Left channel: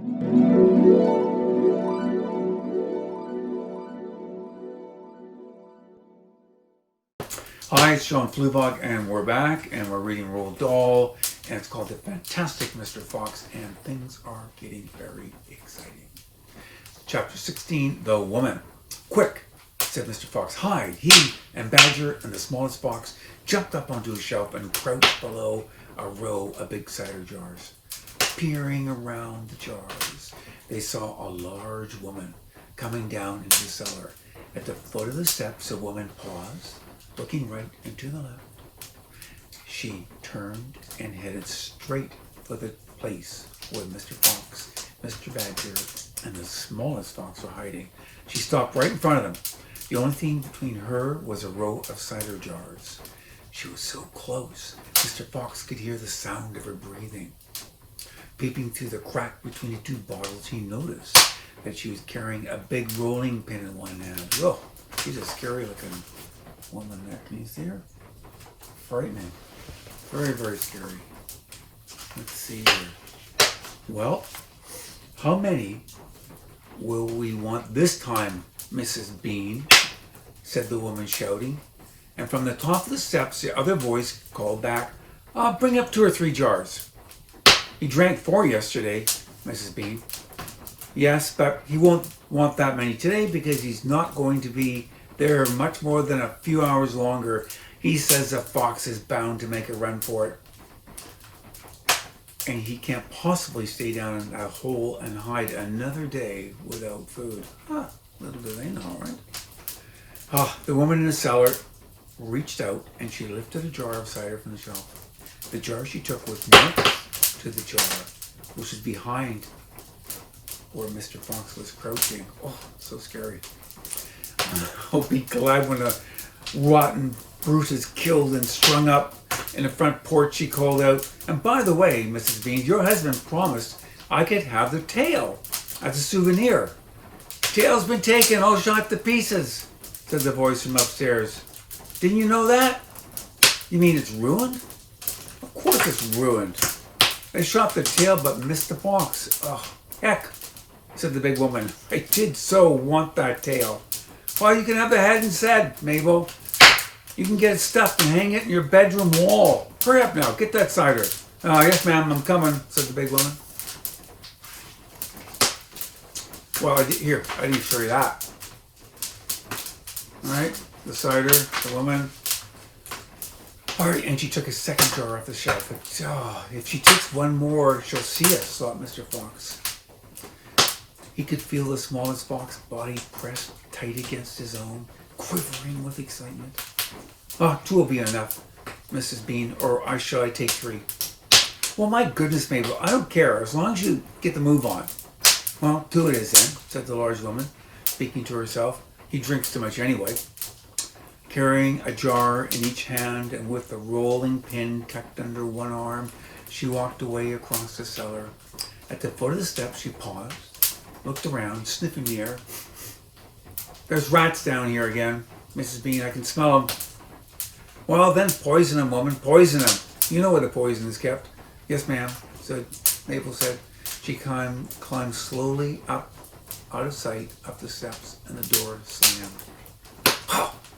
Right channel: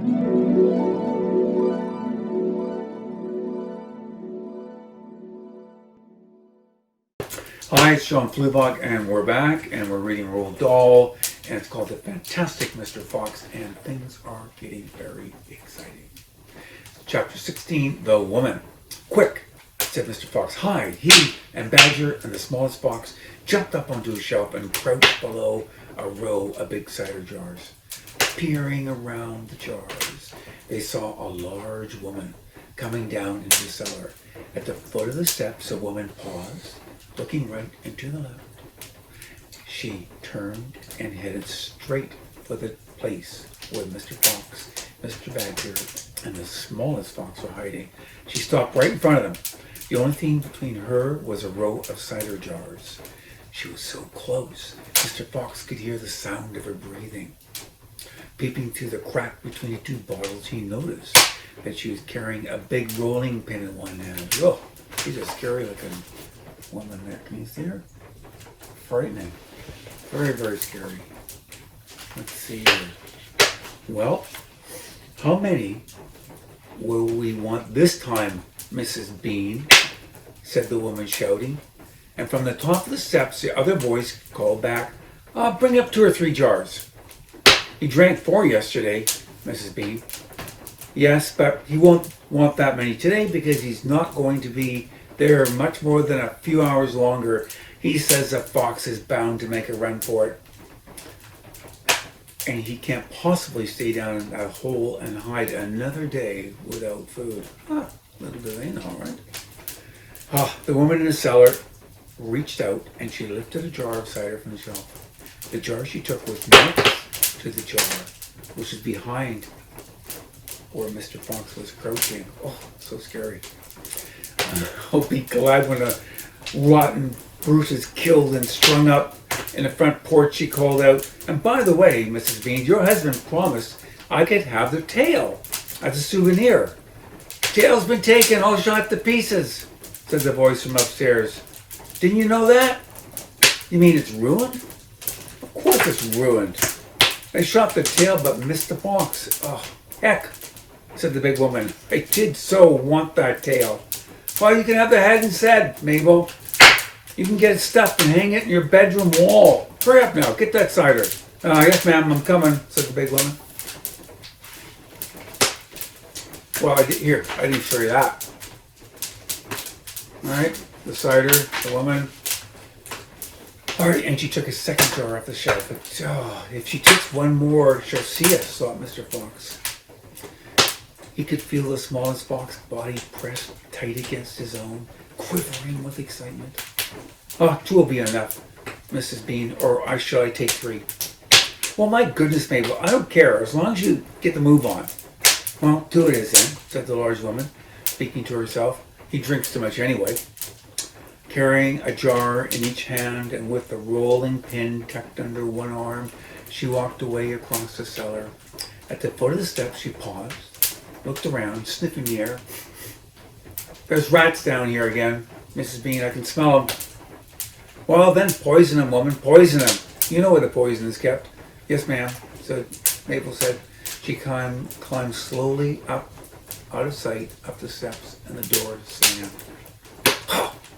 Hi, it's John Fluevog, and we're back, and we're reading Roald Dahl, and it's called The Fantastic Mr. Fox, and things are getting very exciting. Chapter 16, The Woman. Quick, said Mr. Fox. Hide. He and Badger and the smallest fox jumped up onto a shelf and crouched below a row of big cider jars. Peering around the jars, they saw a large woman coming down into the cellar. At the foot of the steps, a woman paused, looking right and to the left. She turned and headed straight for the place where Mr. Fox, Mr. Badger, and the smallest fox were hiding. She stopped right in front of them. The only thing between her was a row of cider jars. She was so close, Mr. Fox could hear the sound of her breathing. Peeping through the crack between the two bottles, he noticed that she was carrying a big rolling pin in one hand. Oh, she's a scary looking woman there. Can you see her? Frightening. Very, very scary. Let's see here. Well, how many will we want this time, Mrs. Bean? Said the woman, shouting. And from the top of the steps, the other voice called back, bring up 2 or 3 jars. He drank 4 yesterday, Mrs. Bean. Yes, but he won't want that many today because he's not going to be there much more than a few hours longer. He says the fox is bound to make a run for it. And he can't possibly stay down in that hole and hide another day without food. Little do they know, right? The woman in the cellar reached out and she lifted a jar of cider from the shelf. The jar she took was next to the jar, which was behind where Mr. Fox was crouching. Oh, so scary. I'll be glad when a rotten brute is killed and strung up in the front porch, she called out. And by the way, Mrs. Bean, your husband promised I could have the tail as a souvenir. Tail's been taken, all shot to pieces, said the voice from upstairs. Didn't you know that? You mean it's ruined? Of course it's ruined. They shot the tail but missed the fox. Oh, heck, said the big woman. I did so want that tail. Well, you can have the head instead, Mabel. You can get it stuffed and hang it in your bedroom wall. Hurry up now, get that cider. Yes, ma'am, I'm coming, said the big woman. Well, I didn't show you that. All right, the cider, the woman. All right, and she took a second jar off the shelf. But, if she takes one more, she'll see us, thought Mr. Fox. He could feel the smallest fox's body pressed tight against his own, quivering with excitement. 2 will be enough, Mrs. Bean, or shall I take 3? Well, my goodness, Mabel, I don't care, as long as you get the move on. Well, 2 it is then, said the large woman, speaking to herself. He drinks too much anyway. Carrying a jar in each hand and with the rolling pin tucked under one arm, she walked away across the cellar. At the foot of the steps, she paused, looked around, sniffing the air. There's rats down here again, Mrs. Bean. I can smell them. Well, then poison them, woman. Poison them. You know where the poison is kept. Yes, ma'am, said Mabel said. She climbed slowly up, out of sight, up the steps, and the door slammed.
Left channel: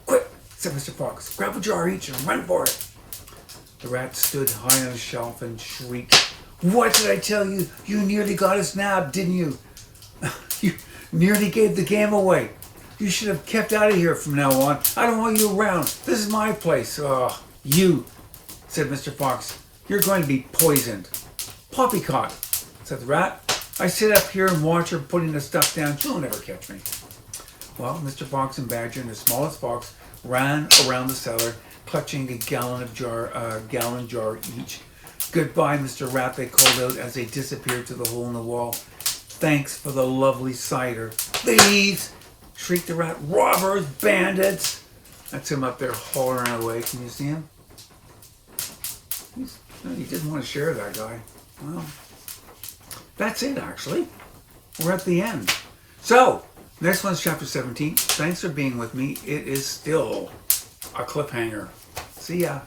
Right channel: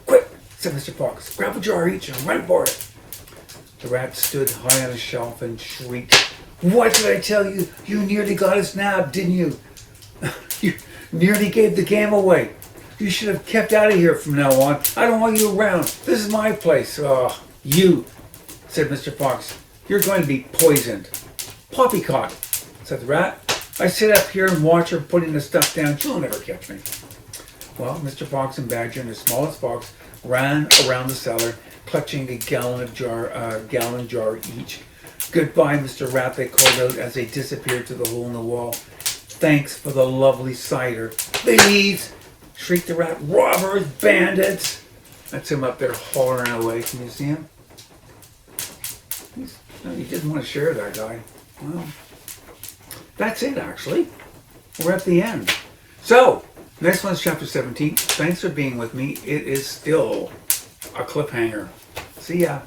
Quick, said Mr. Fox. Grab a jar each and run for it. The rat stood high on a shelf and shrieked. What did I tell you? You nearly got us nabbed, didn't you? You nearly gave the game away. You should have kept out of here from now on. I don't want you around. This is my place. You, said Mr. Fox. You're going to be poisoned. Poppycock, said the rat. I sit up here and watch her putting the stuff down. She'll never catch me. Well, Mr. Fox and Badger and the smallest fox ran around the cellar, clutching a gallon jar each. Goodbye, Mr. Rat, they called out as they disappeared through the hole in the wall. Thanks for the lovely cider. Thieves! Shrieked the rat. Robbers! Bandits! That's him up there hollering away. Can you see him? He didn't want to share that guy. Well, that's it, actually. We're at the end. So, next one's chapter 17. Thanks for being with me. It is still a cliffhanger. See ya.